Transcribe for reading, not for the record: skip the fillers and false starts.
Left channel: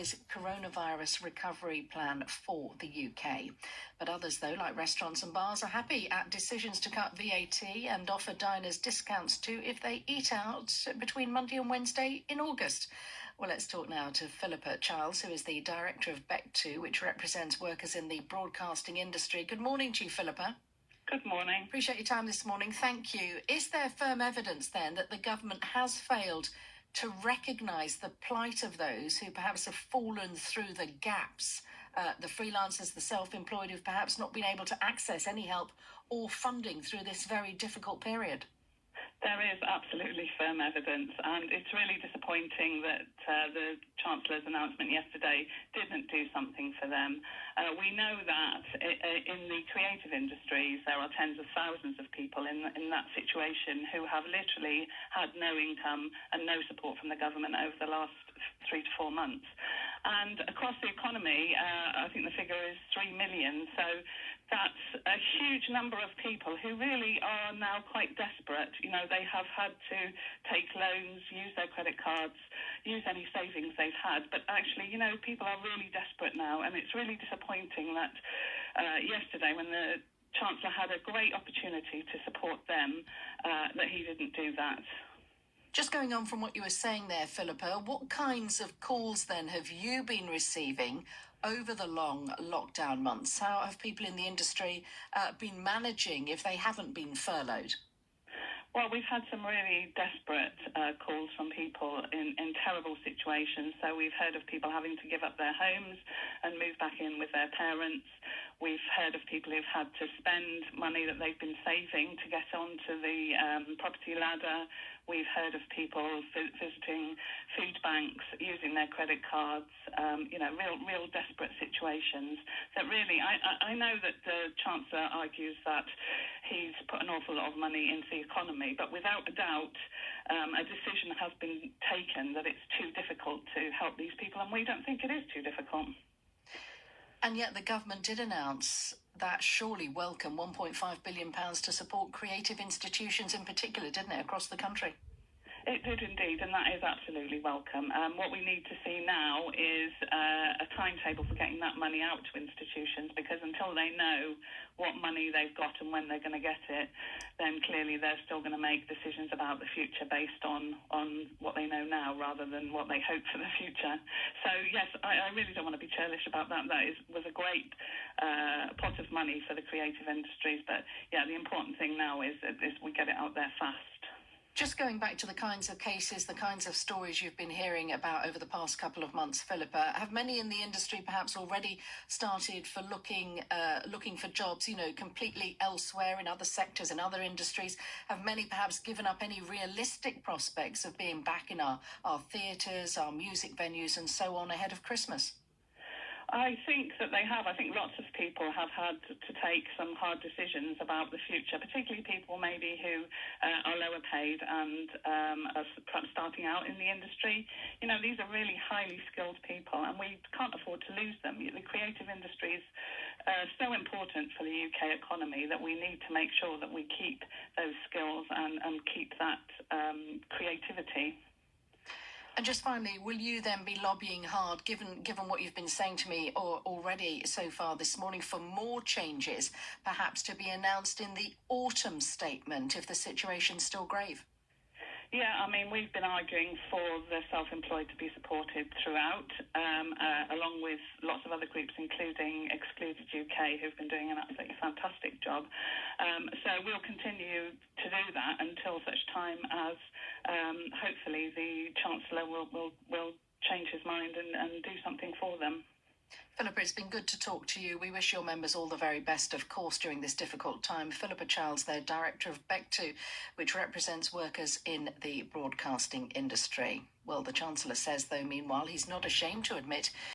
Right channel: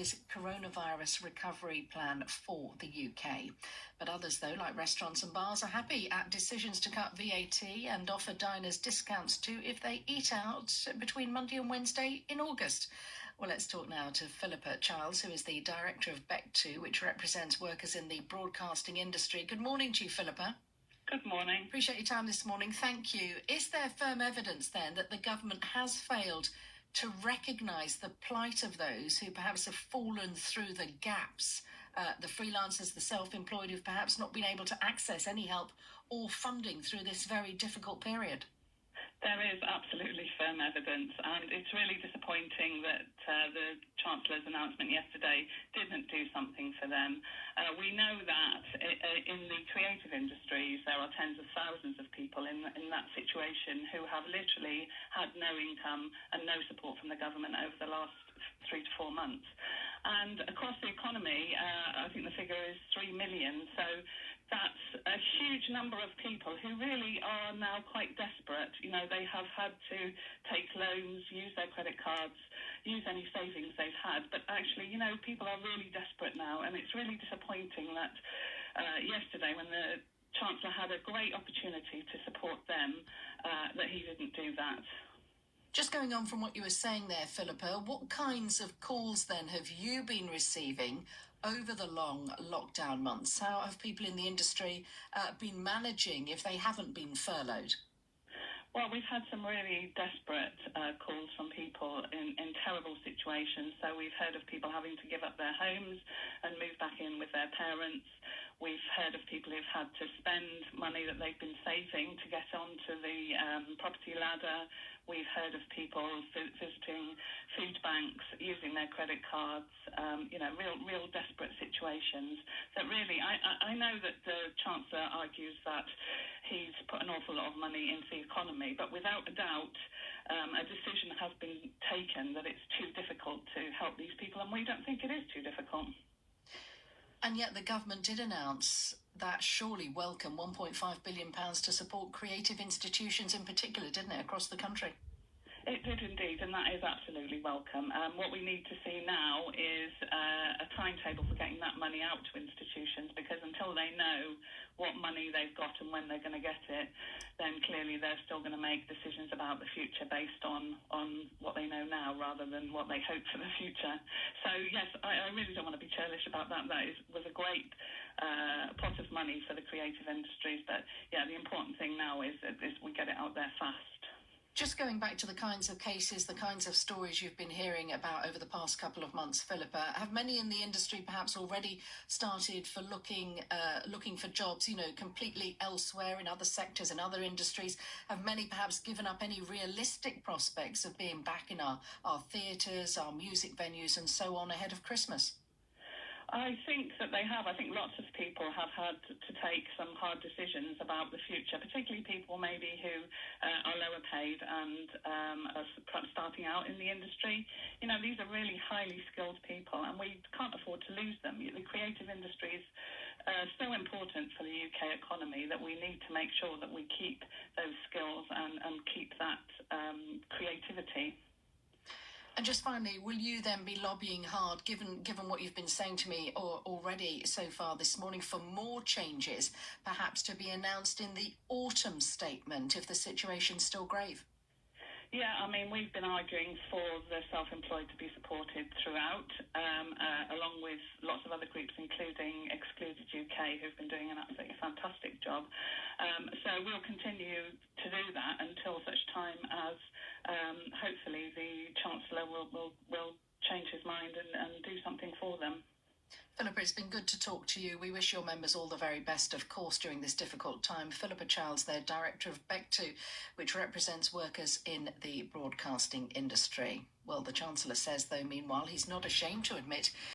his coronavirus recovery plan for the UK. But others, though, like restaurants and bars, are happy at decisions to cut VAT and offer diners discounts too if they eat out between Monday and Wednesday in August. Well, let's talk now to Philippa Childs, who is the director of Bectu, which represents workers in the broadcasting industry. Good morning to you, Philippa. Good morning. Appreciate your time this morning. Thank you. Is there firm evidence then that the government has failed to recognise the plight of those who perhaps have fallen through the gaps, the freelancers, the self-employed who've perhaps not been able to access any help or funding through this very difficult period? There is absolutely firm evidence, and it's really disappointing that the Chancellor's announcement yesterday didn't do something for them. We know that in the creative industries there are tens of thousands of people in that situation who have literally had no income and no support from the government over the last 3 to 4 months. And across the economy, I think the figure is 3 million. So that's a huge number of people who really are now quite desperate. You know, they have had to take loans, use their credit cards, use any savings they've had. But actually, you know, people are really desperate now. And it's really disappointing that yesterday, when the Chancellor had a great opportunity to support them, that he didn't do that. Just going on from what you were saying there, Philippa, what kinds of calls then have you been receiving over the long lockdown months? How have people in the industry been managing if they haven't been furloughed? Well, we've had some really desperate calls from people in terrible situations. So we've heard of people having to give up their homes and move back in with their parents. We've heard of people who've had to spend money that they've been saving to get onto the property ladder. We've heard of people visiting food banks, using their credit cards, real desperate situations that really, I know that the Chancellor argues that he's put an awful lot of money into the economy, but without a doubt, a decision has been taken that it's too difficult to help these people, and we don't think it is too difficult. And yet the government did announce that surely welcome £1.5 billion to support creative institutions in particular, didn't it, across the country? It did indeed, and that is absolutely welcome. What we need to see now is a timetable for getting that money out to institutions, because until they know what money they've got and when they're going to get it, then clearly they're still going to make decisions about the future based on what they know now rather than what they hope for the future. So, yes, I really don't want to be churlish about that. That was a great pot of money for the creative industries. But, yeah, the important thing now is we get it out there fast. Just going back to the kinds of cases, the kinds of stories you've been hearing about over the past couple of months, Philippa, have many in the industry perhaps already started for looking for jobs, completely elsewhere in other sectors and other industries? Have many perhaps given up any realistic prospects of being back in our theatres, our music venues and so on ahead of Christmas? I think that they have. I think lots of people have had to take some hard decisions about the future, particularly people maybe who are lower paid and are perhaps starting out in the industry. You know, these are really highly skilled people, and we can't afford to lose them. The creative industry is so important for the UK economy that we need to make sure that we keep those skills and keep that creativity. And just finally, will you then be lobbying hard, given what you've been saying to me already so far this morning, for more changes, perhaps to be announced in the autumn statement if the situation's still grave? Yeah, I mean, we've been arguing for the self-employed to be supported throughout, along with lots of other groups, including Excluded UK, who've been doing an absolutely fantastic job. So we'll continue to do that until such time as hopefully the Chancellor will change his mind and do something for them. Philippa, it's been good to talk to you. We wish your members all the very best, of course, during this difficult time. Philippa Childs, their director of Bectu, which represents workers in the broadcasting industry. Well, the Chancellor says, though, meanwhile, he's not ashamed to admit